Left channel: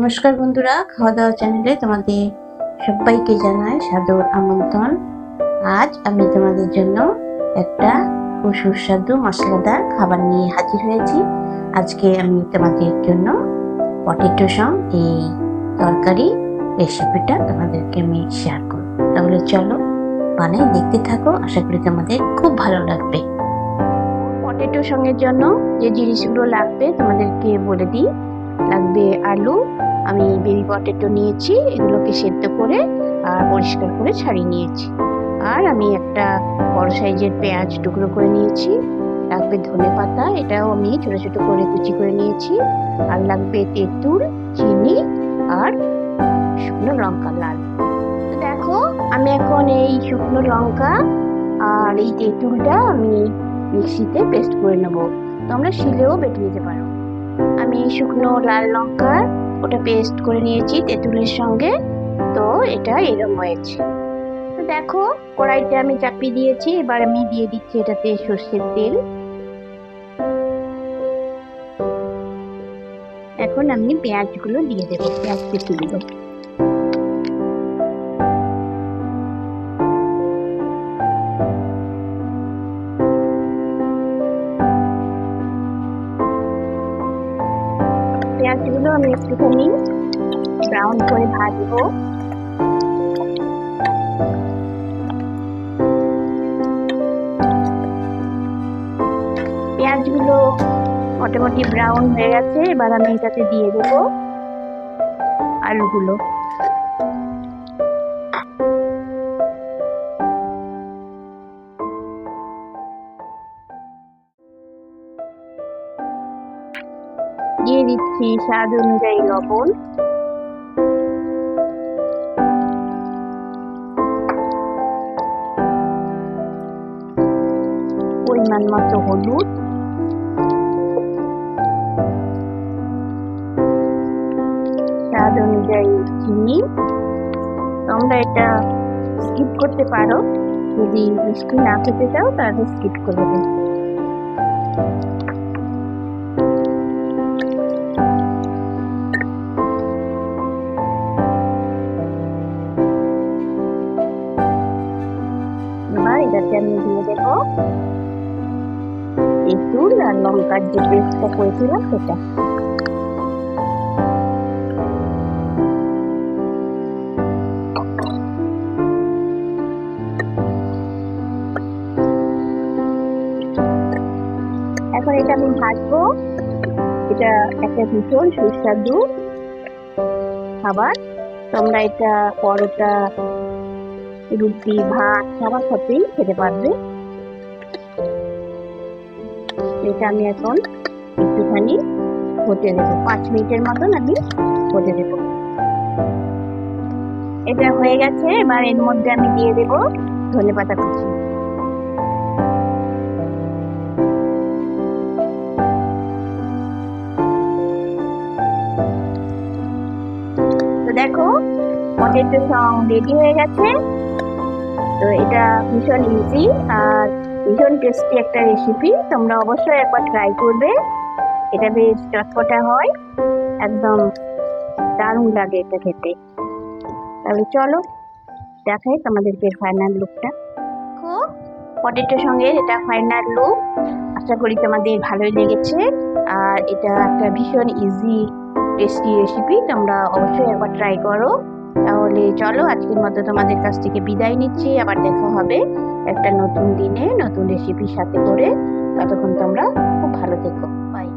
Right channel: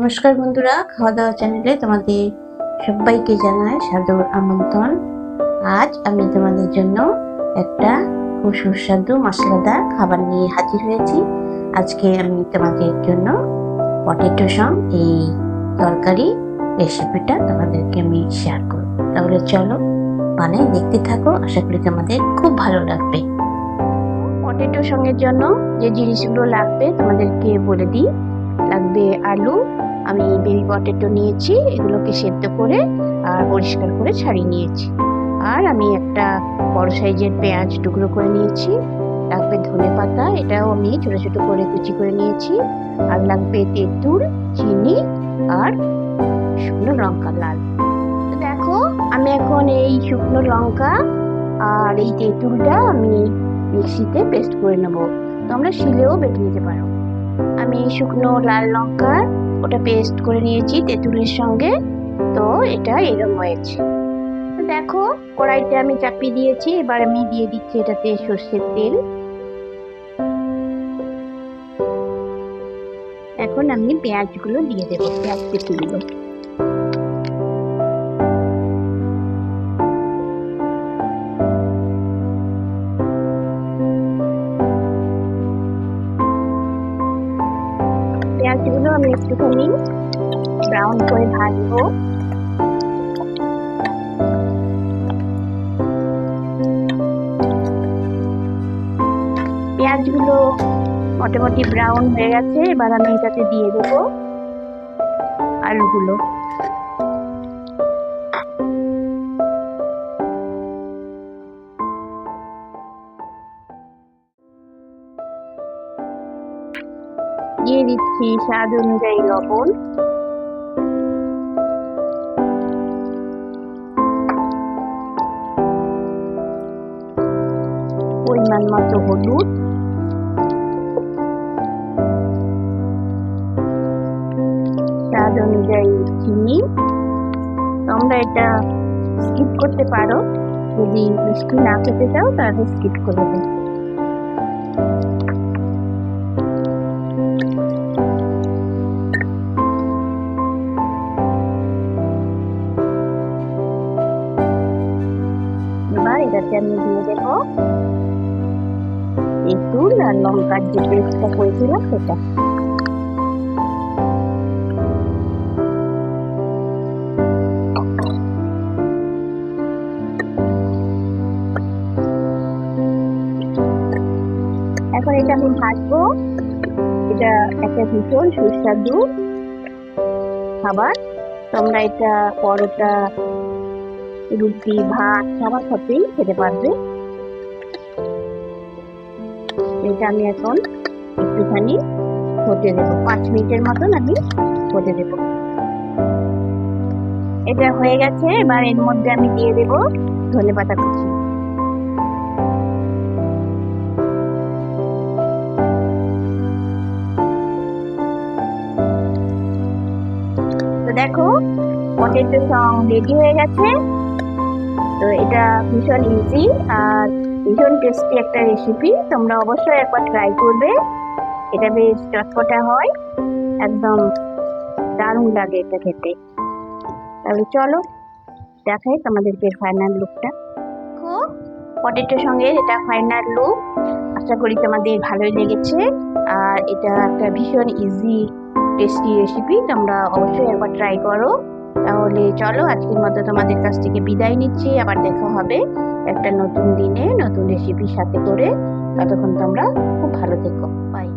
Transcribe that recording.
নমস্কার বন্ধুরা, খাওয়া দাওয়া চ্যানেলে তোমাদের সবাইকে জানাই সাদর আমন্ত্রণ। আজ আমি তোমাদের জন্য একটা খুব সুস্বাদু মশলাদার খাবার নিয়ে হাজির হয়েছি। আজকে আমি তোমাদের জন্য পটেটো সম এই তরকারি রেসিপিটা তোমাদেরকে আমি শেয়ার করব। তাহলে চলো বানাই, দেখতে থাকো, আশা করি তোমাদের খুব ভালো লাগবে। পটেটো সঙ্গের জন্য যে জিনিসগুলো লাগবে তোমাদেরকে বলে দিই। লাগবে আলু, আমি বেবি পটেটো নিয়েছি, এগুলোকে সেদ্ধ করে আর পরিষ্কার করে ছাড়িয়ে নিয়েছি। আর আমি একটা বড় সাইজের পেঁয়াজ টুকরো করে নিয়েছি। লাগবে ধনেপাতা, এটাও আমি ছোট ছোট করে কুচি করে নিয়েছি। আর লাগবে তেঁতুল, চিনি আর শুকনো লঙ্কা লাল। তো দেখো, আমি এখন এই শুকনো লঙ্কা আর এই তেঁতুলটা আমি মিক্সিতে পেস্ট করে নেব। তোমরা শিলেও বেটে নিতে পারো। আমি শুকনো লাল লঙ্কা ওটা পেস্ট করে নিয়েছি তেঁতুলের সঙ্গে। তো এটা এরকম হয়েছে। তো দেখো, কড়াইতে আমি চাপিয়ে দিয়েছি। এবার আমি দিয়ে দিচ্ছি এটাতে সর্ষের তেল। এখন আমি পেঁয়াজগুলো দিয়ে দেবো, পেঁয়াজ কুচিগুলো। পেঁয়াজগুলো আমি একটুখানি ব্রাউন করে ভাজবো। পেঁয়াজগুলো মোটামুটি ব্রাউন হয়ে গেছে। এবার আমি এটাতে দিয়ে দেবো আলুগুলো। দিয়ে দিচ্ছি স্বাদ অনুযায়ী লবণ, পরিমাণ মতো হলুদ, স্বাদ অনুযায়ী চিনি। তোমরা এটা স্কিপ করতে পারো, যদি মিষ্টি না খেতে চাও তাহলে স্কিপ করে দেবে। এবার এটাতে আমি দিয়ে দেবো তেঁতুল আর লঙ্কার যে পেস্টটা করেছিলাম সেটা। এখন এটা আমি ভাজবো। এটা একটা ভীষণ সুস্বাদু খাবার। তোমরা এটা পরোটা, রুটি, ভাত সবার সাথেই খেতে পারবে। এটা আমি এখন একটুখানি হতে দেবো, 5 মিনিটের মতন আমি হতে দেবো। এটা হয়ে গেছে। এবার এর মধ্যে আমি দিয়ে দেবো ধনেপাতা কুচি। তো দেখো, পটেটো সং রেডি হয়ে গেছে। তো এটা ভীষণ ইজি আর ভীষণ টেস্টি একটা রেসিপি। তোমরা অবশ্যই একবার ট্রাই করবে। এটা বেশ চটপটা হয়, একদম দারুণ লাগে এটা খেতে। তাহলে চলো দেখাই তোমাদেরকে ফাইনাল লুকটা। দেখো, পটেটোর সঙ্গে এটা ফাইনাল লুক। আশা করি তোমাদের ভালোই লেগেছে। আর এটা একটা ভীষণ ইজি টেস্টি রেসিপি, তোমরা অবশ্যই একবার ট্রাই করো। তাহলে চলো, আজকের মতো তোমাদের কাছ থেকে বিদায় নিচ্ছি। আবার দেখা হবে একটা নতুন দিনে নতুন রেসিপির সাথে করে। ততক্ষণ তোমরা খুব ভালো থেকো। বাই।